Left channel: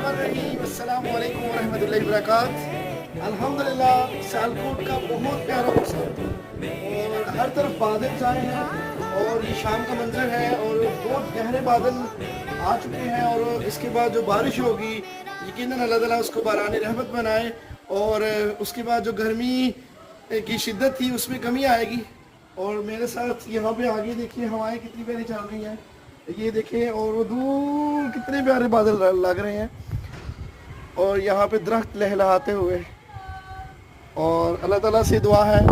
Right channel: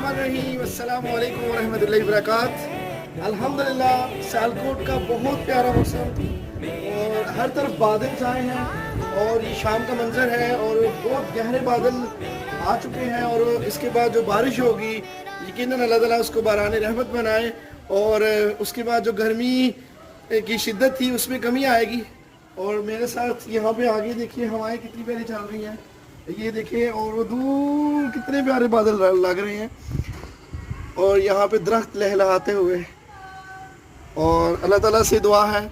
السلام علیکم ورحمۃ اللہ وبرکاتہ۔ الحمدللہ سیالکوٹ کا بہت پیارا موسم اور ہر طرف بادل چھائے ہیں اور یہ شام کا منظر ہے اور بہت گہرے بادل آ چکے ہیں اور اس کے بعد جو بارش ہوگی یقیناً اللہ تعالیٰ اس کو باران رحمت بنائے اور اس کے بعد جو گرمی کی شدت تھی اس میں کمی آئے گی۔ اور میرے ساتھ یہاں پہ آگے دیکھیے ہوائیں کتنی پیاری چل رہی ہیں، یہ دیکھیں، اور وہ دور کتنے پیارے بادل لگ رہے ہیں اور یہاں پہ درخت لہلہاتے ہوئے، اور اللہ تعالیٰ سے دعا ہے